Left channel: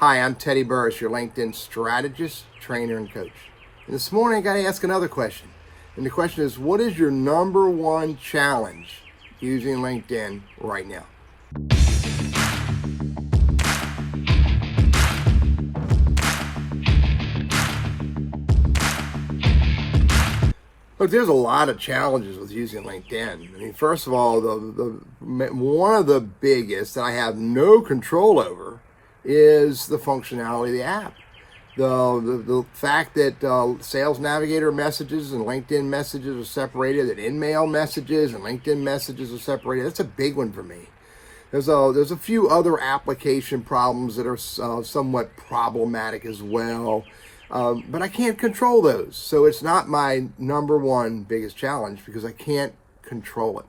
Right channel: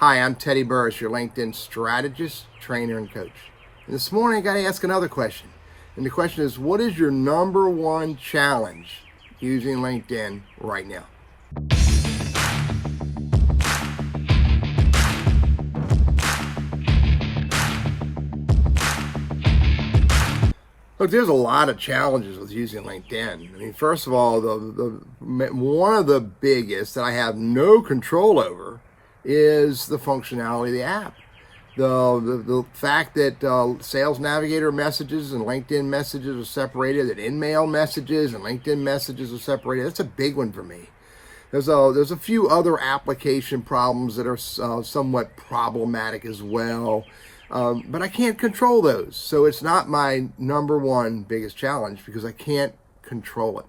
Hi, I'm Teddy Burris, your LinkedIn strategist, trainer, and coach. And this morning I got to ask another question. And the question is, what is your number one challenge using LinkedIn right now? Look, there's a lot of challenges with using LinkedIn. I mean, first of all, one of the biggest that I have no control over is the functionality of the app. The fact that Sales Navigator messages and LinkedIn messages are separated, that InMail messages and LinkedIn messages are separated, that's a big one for me. There's a few other application problems that are somewhat problematic as well. But I can't control those. So it's not my number one biggest challenge because I can't control it.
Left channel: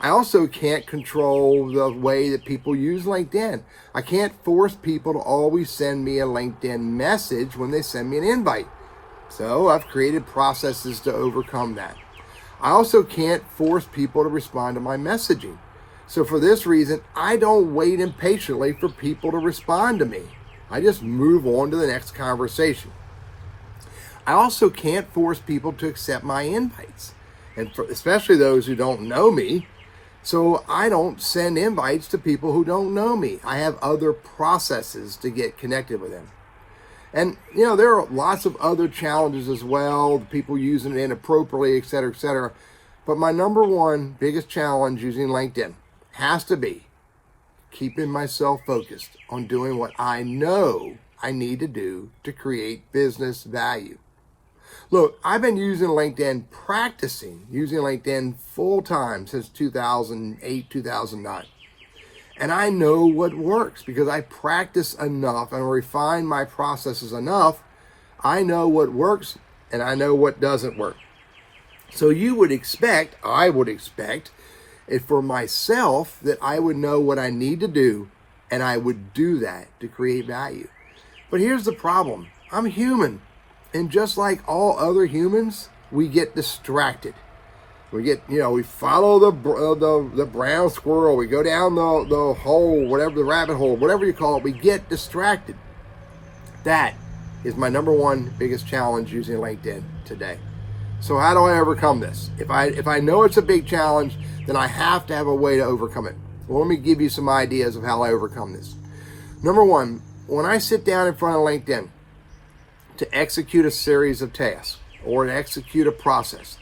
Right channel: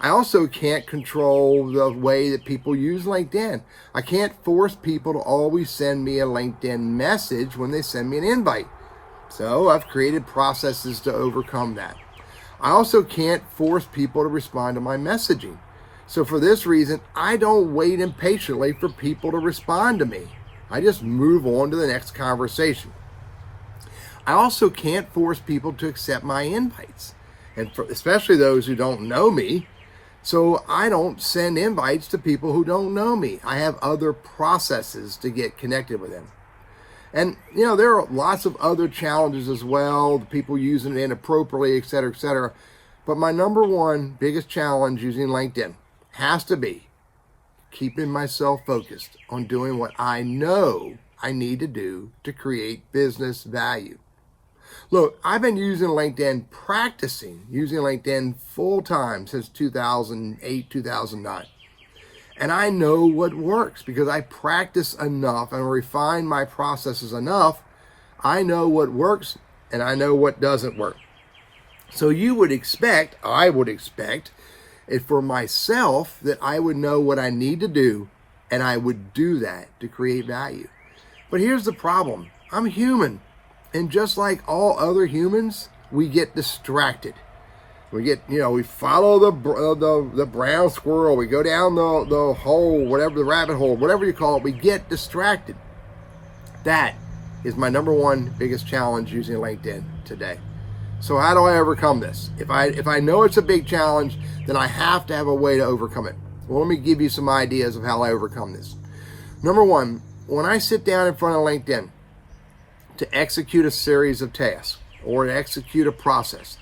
I also can't control the way that people use LinkedIn. I can't force people to always send me a LinkedIn message when they send me an invite. So I've created processes to overcome that. I also can't force people to respond to my messaging. So for this reason, I don't wait impatiently for people to respond to me. I just move on to the next conversation. I also can't force people to accept my invites, and especially those who don't know me. So I don't send invites to people who don't know me. I have other processes to get connected with them. And, there are lots of other challenges as well, people using it inappropriately, et cetera, et cetera. But my number one biggest challenge using LinkedIn has to be keeping myself focused on doing what I know I need to do to create business value. Look, I've been practicing using LinkedIn full time since 2008, 2009. And I know what works because I practice enough and refine my processes enough. I know what works and I know what doesn't work. So I would expect for myself that I would know what I need to do and I would do that to create value. But here's the problem. I'm human. And just like all other humans, we get distracted. We follow the brown squirrel. We go down the hole, the rabbit hole, whatever you call it. We get distracted. That is my number one biggest challenge using LinkedIn today. So how do I overcome this? If I know it's a big challenge, then I have to have a way to overcome it. Well, let me give you some ideas of how I overcome this. Number one, when I sit down in front of LinkedIn to execute a series of tasks or to execute a process,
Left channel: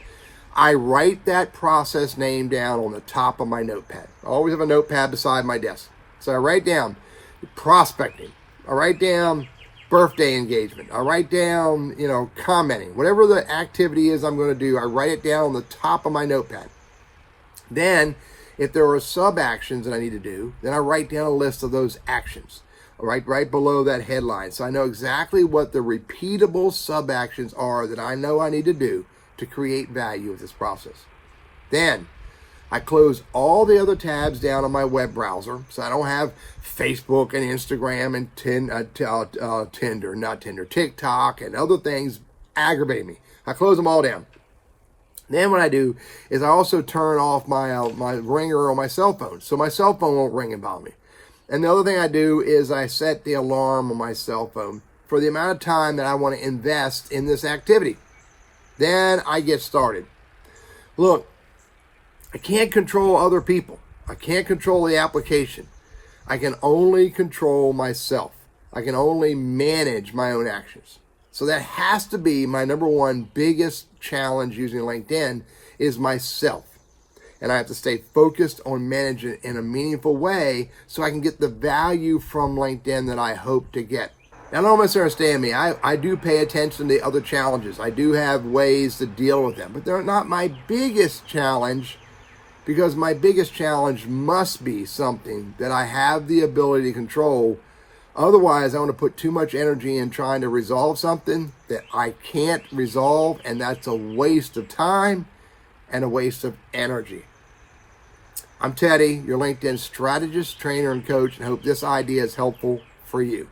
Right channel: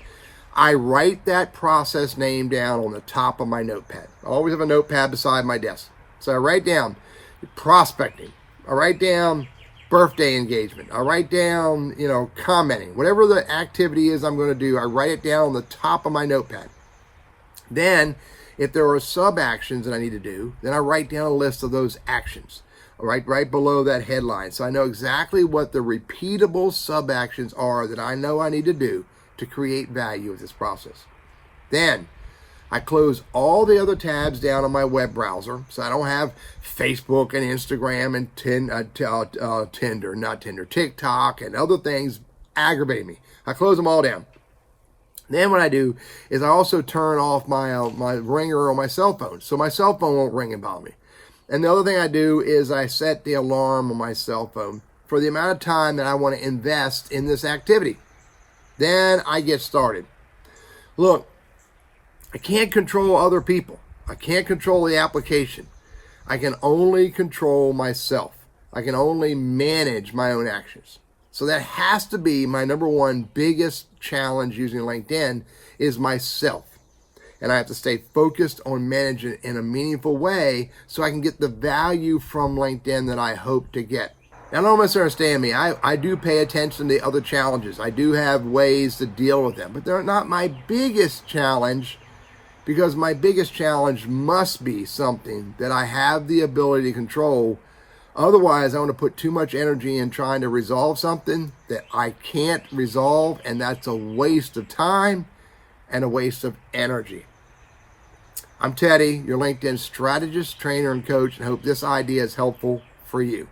I write that process name down on the top of my notepad. I always have a notepad beside my desk. So I write down prospecting. I write down birthday engagement. I write down, commenting. Whatever the activity is I'm going to do, I write it down on the top of my notepad. Then, if there are sub-actions that I need to do, then I write down a list of those actions. Right below that headline. So I know exactly what the repeatable sub-actions are that I know I need to do to create value with this process. Then I close all the other tabs down on my web browser. So I don't have Facebook and Instagram and TikTok and other things aggravating me. I close them all down. Then what I do is I also turn off my ringer on my cell phone. So my cell phone won't ring and bother me. And the other thing I do is I set the alarm on my cell phone for the amount of time that I want to invest in this activity. Then I get started. Look, I can't control other people. I can't control the application. I can only control myself. I can only manage my own actions. So that has to be my number one biggest challenge using LinkedIn is myself. And I have to stay focused on managing it in a meaningful way so I can get the value from LinkedIn that I hope to get. Now, don't misunderstand me. I do pay attention to the other challenges. I do have ways to deal with them, but they're not my biggest challenge because my biggest challenge must be something that I have the ability to control. Otherwise, I want to put too much energy in trying to resolve something that I can't resolve, and that's a waste of time and a waste of energy. I'm Teddy, your LinkedIn strategist, trainer, and coach, and hope this idea is helpful for you.